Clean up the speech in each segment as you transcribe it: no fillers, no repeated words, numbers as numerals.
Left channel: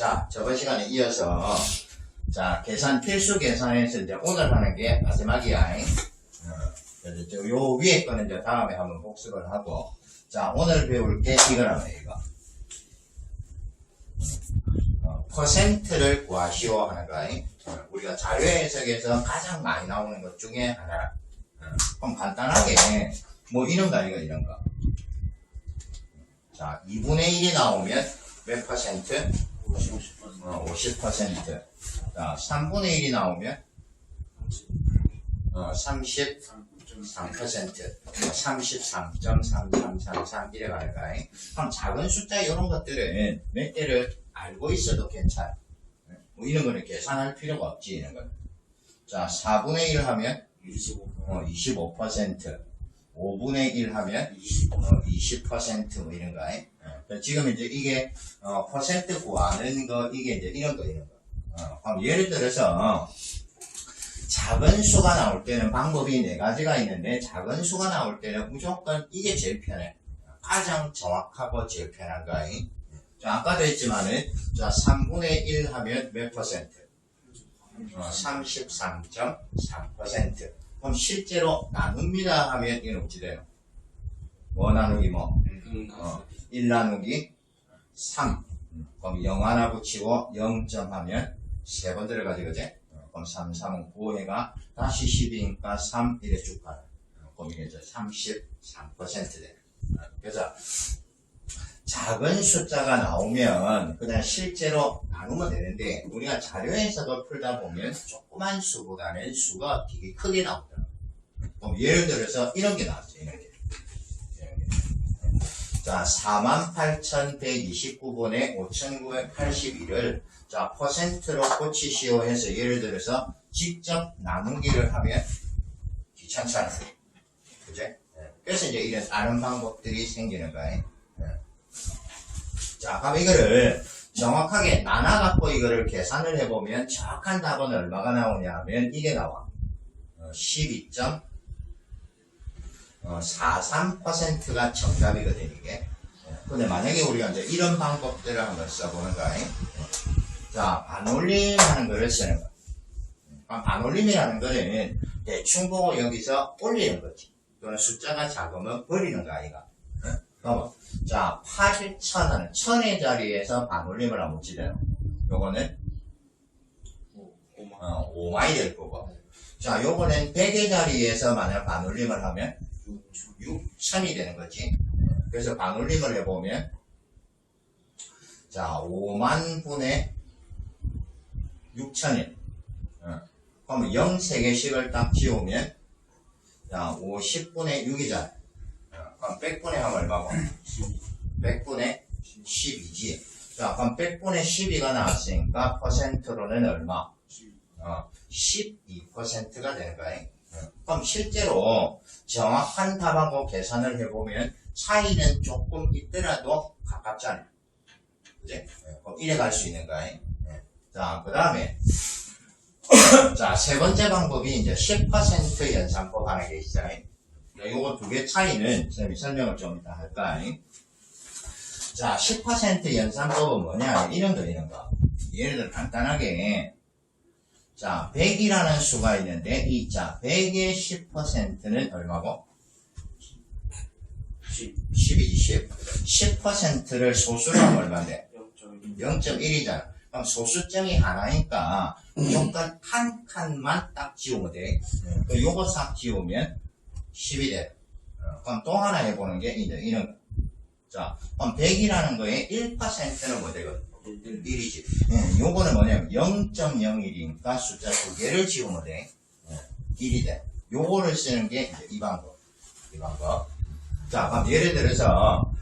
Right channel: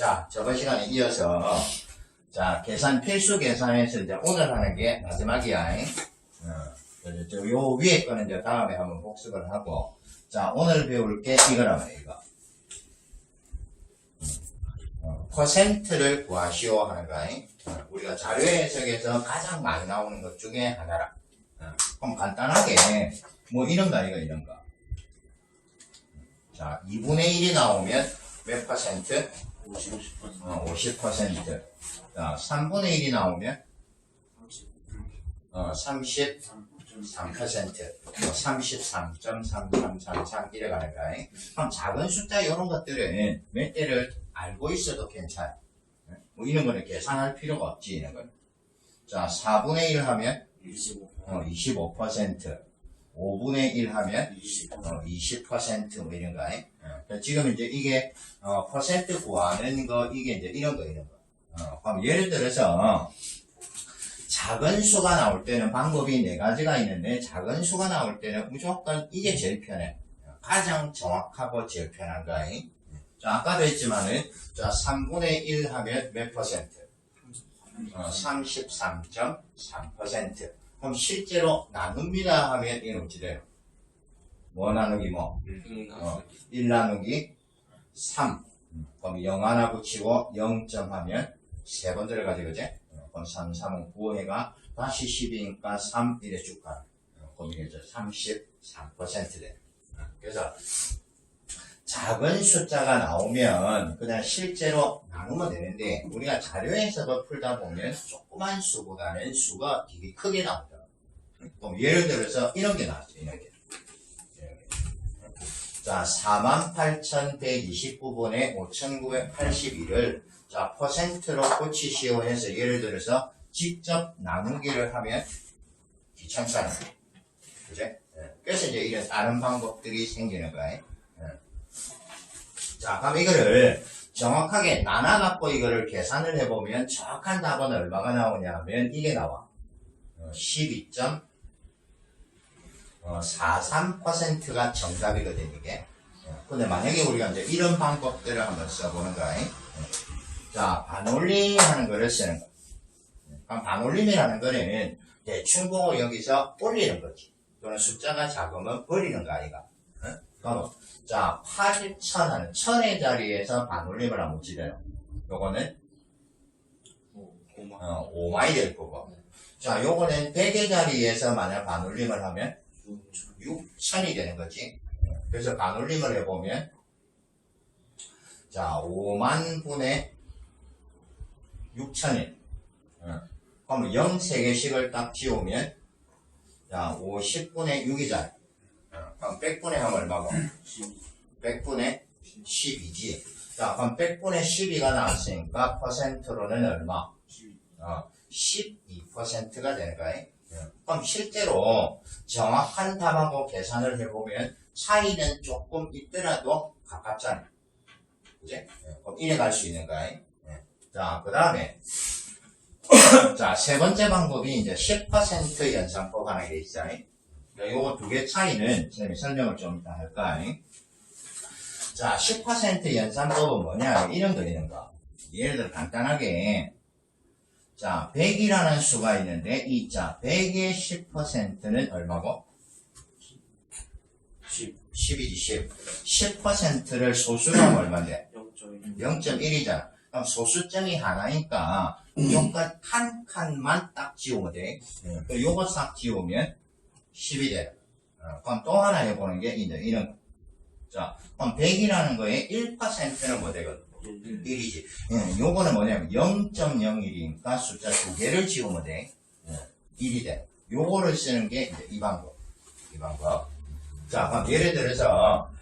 자, 저번 시간에 이어서 자, 계산 필수 계산에서 이제 오늘 하는 게 마지막이야. 그래서 요 위에 거는 이제 다음에 한번 복습을 하고, 자, 오늘 배울 게 이거라면 이거. 퍼센트를 구하시오 하는 거. 우리가 자료 해석에서 가장 많이 나오는 것 중에 하나라. 그럼 간단하게 뭐 이런 거 이런 거. 자, 2분의 1이 나오면 몇 퍼센트? 50%. 자, 3분의 1이 나오면 33%. 33.3333 이래 가는 거야. 그럼 작은 숫자 이런 것들은 몇 대를 알고 있어도 괜찮아. 뭐 이런 거는 계산할 필요가 없지, 이런 거는. 자, 4분의 1 하면 25%. 5분의 1 하면 20% 뭐 이런 거. 지금 이제 이게 퍼센트 구하는 거, 이게 이제 이런 거. 그럼 예를 들어서 작은 수가 나올 때는 방법이 4가지가 있는데, 작은 수가 나올 때는 무조건 이게 제일 편해. 가장 정확하고 제일 편한 거. 자, 아까도 했지만은, 자, 3분의 1 하면 몇 퍼센트? 33.3%. 그럼 실제로 나눕니다 하면 이건 어찌 돼요? 뭐 나누기 뭐? 1 나누기 3. 그럼 0 하나 붙이고 0점 하면 3번 들어가지, 그지? 그럼 3, 3은 9해가 다시 10이니까 3, 이래 쭉 가요. 그럼 이게 이제 33% 돼요. 그래서 작은 숫자가 나오면 그냥 실제로 나누면 되는데, 우리가 자료에서도 풀다 보면 조그만 수보다는 수가 되게 크게 나오더라고요. 그럼 예를 들어서 이런 게 나왔어요. 이런 게. 자, 48,129분의 5,981을 자, 퍼센트로 고치시오 해서 예를 들어서 직접 나누기를 하면 귀찮잖아요. 그제? 그래서 이제 이런 다른 방법들이 생기는 거예요. 자, 그럼 이거를 정확하게 나눠갖고 이거를 계산을 해보면 정확한 답은 얼마가 나오냐 하면 이게 나와. 12.43%가 정답이거든, 이게. 근데 만약에 우리가 이제 이런 방법들을 한번 써보는 거야. 자, 반올림 하는 거를 쓰는 거. 그럼 반올림이라는 거는 대충 보고 여기서 올리는 거지. 또는 숫자가 작으면 버리는 거 아이가. 그럼 자, 8,000 하는 1000의 자리에서 반올림을 하면 어찌 돼요? 요거는 5만이 될 거고. 자, 요거는 100의 자리에서 만약 반올림을 하면 6,000이 되는 거지. 그래서 반올림을 해보면 자, 5만 분의 6,000일. 그럼 0 3개씩을 딱 지우면 자, 50분의 6이잖아. 그럼 100분의 하면 얼마고? 100분의 12지. 자, 그럼 100분의 12가 나왔으니까 퍼센트로는 얼마? 12%가 되는 거예요. 그럼 실제로 정확한 답하고 계산을 해보면 차이는 조금 있더라도 가깝잖아요. 그지? 그럼 이래 갈 수 있는 거예요. 자, 그 다음에 자, 세 번째 방법이 이제 10% 연산법 하는 게 있어요. 요거 두 개 차이는 선생님이 설명을 좀 이따 할까? 자, 10% 연산법은 뭐냐? 이런 거. 예를 들어 간단하게 자, 100이라는 수가 있는데 자, 100의 10%는 얼마고? 10이지, 10. 10%를 소수로 하면 얼마인데? 0.1이잖아. 그럼 소수점이 하나니까 무조건 한 칸만 딱 지우면 돼. 요거 싹 지우면 10이 돼. 그럼 또 하나 해보는 게 이제 이런 거. 자, 그럼 100이라는 거에 1%는 뭐 되거든? 1이지. 요거는 뭐냐면 0.01이니까 숫자 두 개를 지우면 돼. 1이 돼. 요거를 쓰는 게 이제 이 방법. 자, 그럼 예를 들어서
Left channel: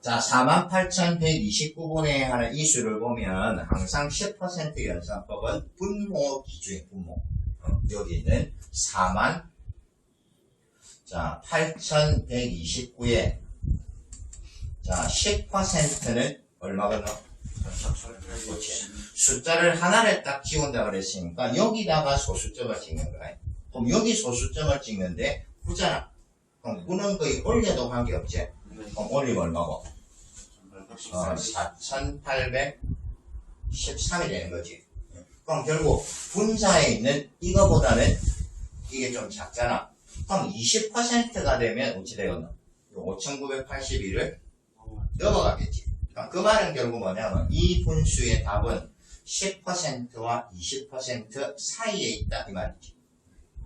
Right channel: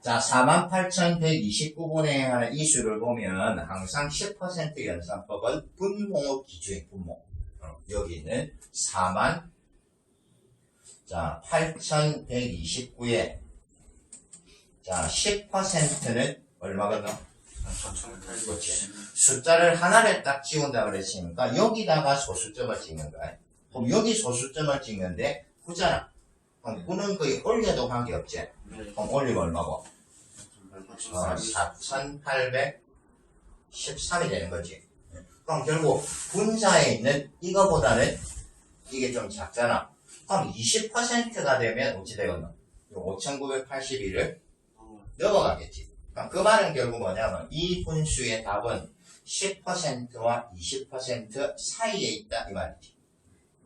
자, 48,129분에 하는 이 수를 보면 항상 10% 연산법은 분모 기준이 분모. 여기는 48,129에 자, 10%는 얼마거든? 그렇지. 숫자를 하나를 딱 지운다 그랬으니까 여기다가 소수점을 찍는 거야. 그럼 여기 소수점을 찍는데 9잖아. 그럼 9는 거의 올려도 관계없지. 그럼 올리면 얼마고? 4813이 되는 거지. 그럼 결국 분자에 있는 이거보다는 이게 좀 작잖아. 그럼 20%가 되면 어찌 되겠노? 5981을 넘어가겠지. 그럼 그 말은 결국 뭐냐면 이 분수의 답은 10%와 20% 사이에 있다 이 말이지.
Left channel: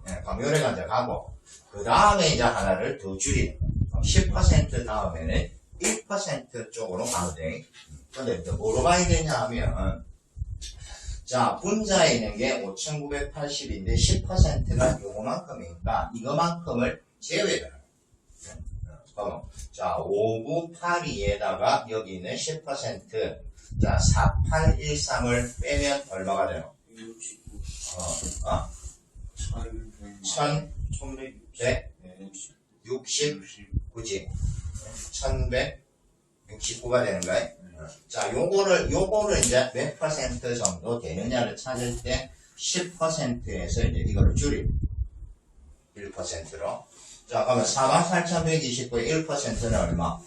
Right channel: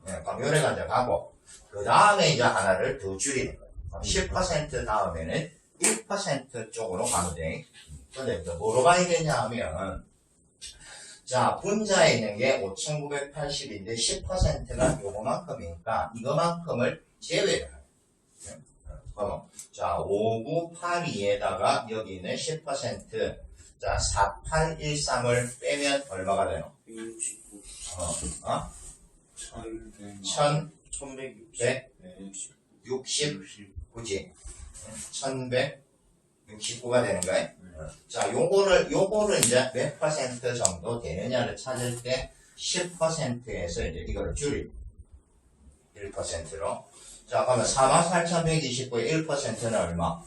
그럼 요래가 이제 가고 그 다음에 이제 하나를 더 줄이는 거야. 그럼 10% 다음에는 1% 쪽으로 가면 돼. 근데 이제 뭐로 가야 되냐 하면 자 분자에 있는 게 5980인데 10%가 요거만큼이니까 이거만큼을 제외를 하는 거야. 자 5982에다가 여기 있는 10% 자 4813을 빼면 얼마가 되노? 1169지. 1169가 되는 거야. 자, 요거를 이제 몇 퍼센트 정도 되느냐를 찾을 때 10%에서 이제 이거를 줄이고 1%로. 자, 그러면 48,129의 1%는 얼마?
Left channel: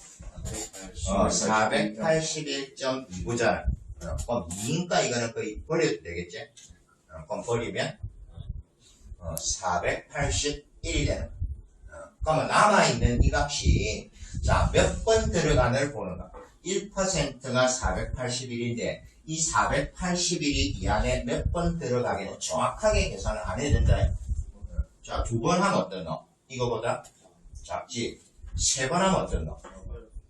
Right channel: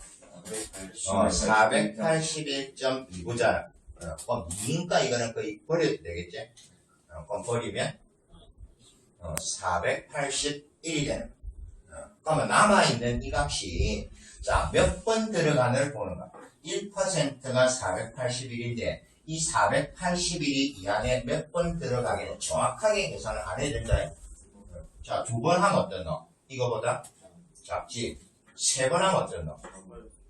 481.29잖아. 그럼 2니까 이거는 거의 버려도 되겠지? 그럼 버리면 481이 되는 거야. 그러면 남아있는 이 값이 자, 몇 번 들어가는를 보는 거야. 1%가 481인데 이 481이 이 안에 몇 번 들어가기는 정확하게 계산을 안 해야 된다. 자, 2번 하면 어떻노? 이거보다 작지. 3번 하면 어떻노?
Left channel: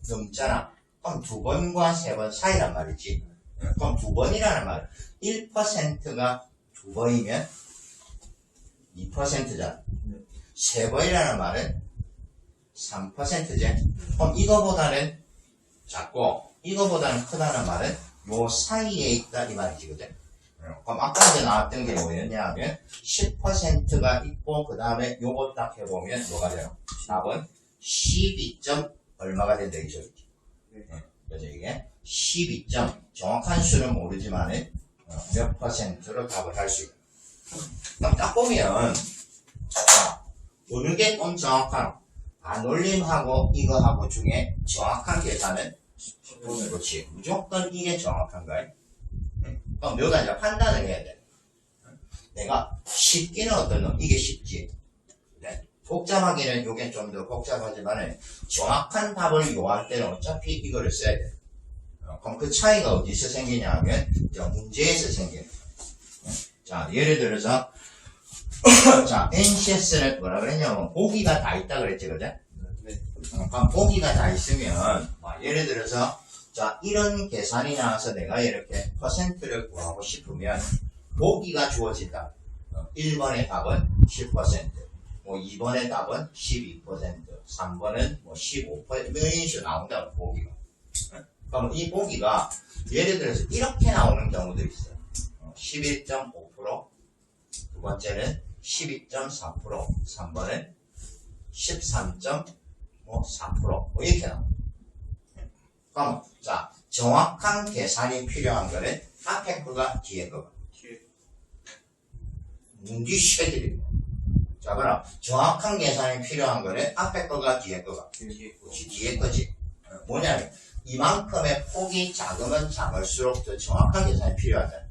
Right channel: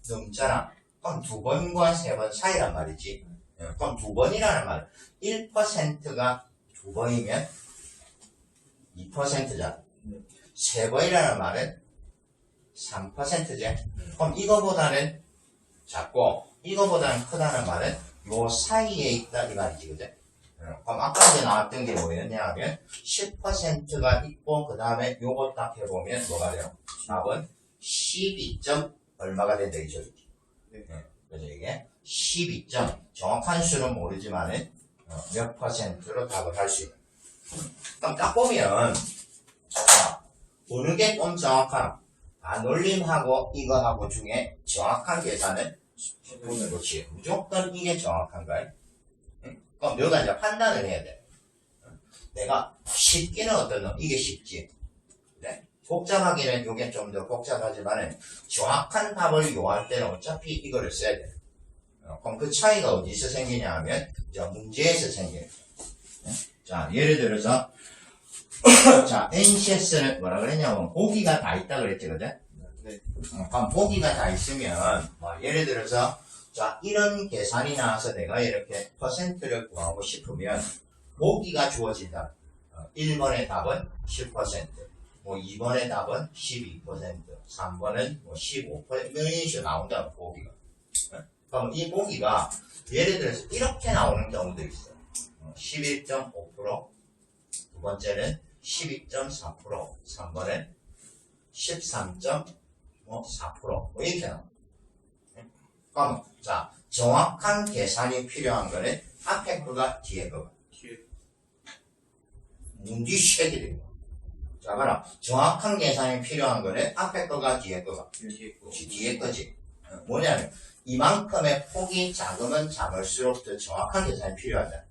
넘잖아. 그럼 2번과 3번 사이란 말이지. 그럼 2번이라는 말은 1%가 2번이면 2%잖아. 3번이라는 말은 3%지. 그럼 이거보다는 작고 이거보다는 크다는 말은 요 사이에 있다 이 말이지, 그죠? 그럼 아까 이제 나왔던 게 뭐였냐 하면 10%가 있고 그 다음에 요거 딱 해보면 뭐가 돼요? 답은 12점 얼마가 된다 이죠? 그래서 이게 12점 정확한 수는 모르지만은 몇 퍼센트로 답을 할 수 있다. 그럼 딱 보면 어느 게 좀 정확한 반올림하고 이거하고 중에 정확한 계산은 그렇지. 무조건 이게 정확한가요? 그럼 너가 이제 판단을 해야 돼. 내가 쉽기는 어떠노? 이게 쉽지. 네. 복잡하기는 이게 좀 더 복잡하지만은 정확한 답을 요할 때는 어차피 이거를 써야 돼. 그럼 그 차이가 어디서 생기냐 하면 문제에서 생겨요. 자, 예를 들어서 자, NCS는 뭐라 그랬냐면 보기가 다 있다 그랬지, 그죠? 네. 그럼 보기가 다 있으면 예를 들어서 자, 이런 계산이 나와서 내가 이렇게 퍼센트를 구하고 싶으면 보기가 주어진다. 1번의 답은 10%, 뭐 2번의 답은 12%, 3번은 뭐 15%, 이런 식으로 나온다, 보기가. 그럼 이 보기가 예를 들어서 이렇게 나오는 경우도 있어요. 11.5%, 두 번째는 12.4%, 3번은 13.4%, 뭐 이렇게 나옵니다. 그럼 자, 정확한 계산이 필요한 거는 앞에 거가 뒤에 거가. 문디 쉐들이고. 자, 그럼 정확한 계산이 필요한 거는 앞에 거가 뒤에 거가. 뒤에 거지. 뭐냐면 이만큼의 폭이 작으면 작을수록 더 정확한 계산이 필요하다.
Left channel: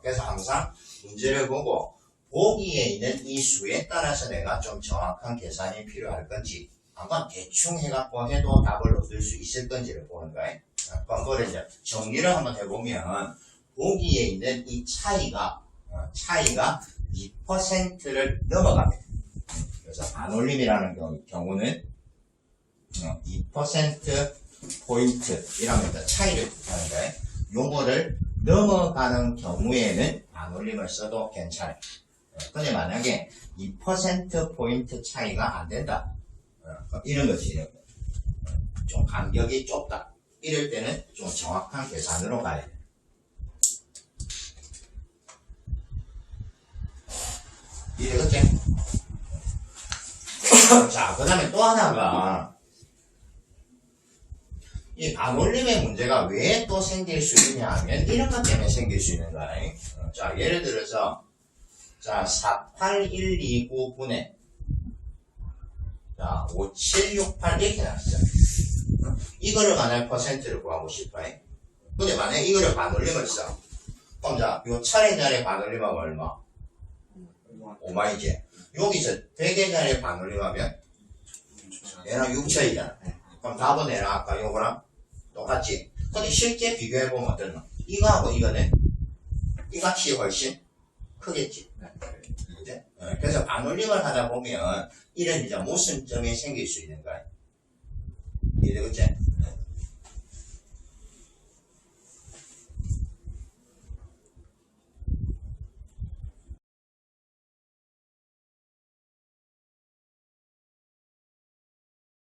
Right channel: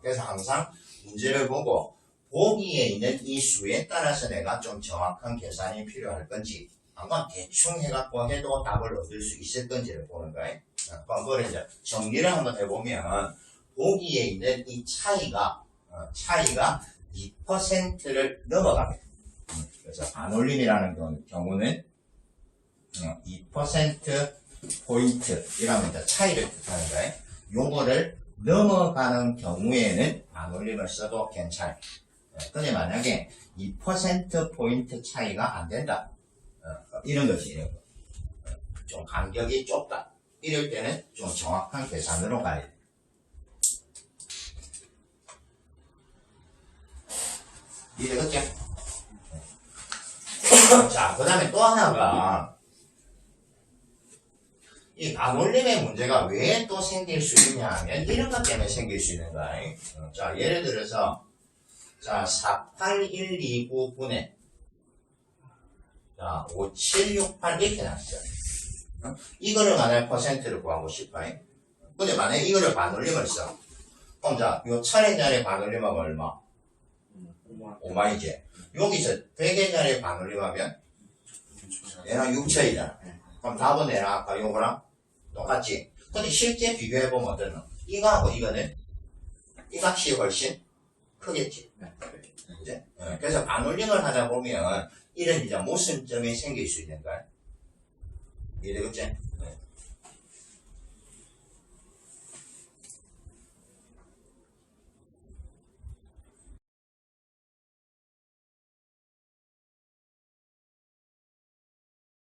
그래서 항상 문제를 보고 보기에 있는 이 수에 따라서 내가 좀 정확한 계산이 필요할 건지 아마 대충 해갖고 해도 답을 얻을 수 있을 건지를 보는 거예요. 그럼 그걸 이제 정리를 한번 해보면 보기에 있는 이 차이가 2%를 넘어갑니다. 그래서 반올림이라는 경우는 2% 포인트이라는 차이를 뜻하는 거예요. 요거를 넘어가는 경우에는 반올림을 써도 괜찮아요. 근데 만약에 2% 포인트 차이가 안 된다. 이런 거지, 이런 거. 좀 간격이 좁다. 이럴 때는 좀 정확한 계산으로 가야 돼. 이해됐지? 자, 그 다음에 또 하나가 이 반올림의 문제가 왜 또 생길 수 있냐 하면 이런 것 때문에 생길 수 있는 거야. 자, 예를 들어서 자, 48129분의 자, 5768 이렇게 나왔어. 이거를 만약에 퍼센트를 구하고 싶어요. 근데 만약에 이거를 반올림을 써. 그럼 자, 요 1000원짜리 반올림하면 얼마? 5만이지. 여기서 100원짜리 반올림하면 얘랑 6천이잖아. 그럼 답은 얘랑 아까 요거랑 똑같지. 근데 실제 비교해보면 어떠노? 이거하고 이거는 이 값이 훨씬 크겠지. 그치? 그래서 반올림을 하다 보면 이런 이제 모순점이 생길 수 있는 거야. 이해되겠지?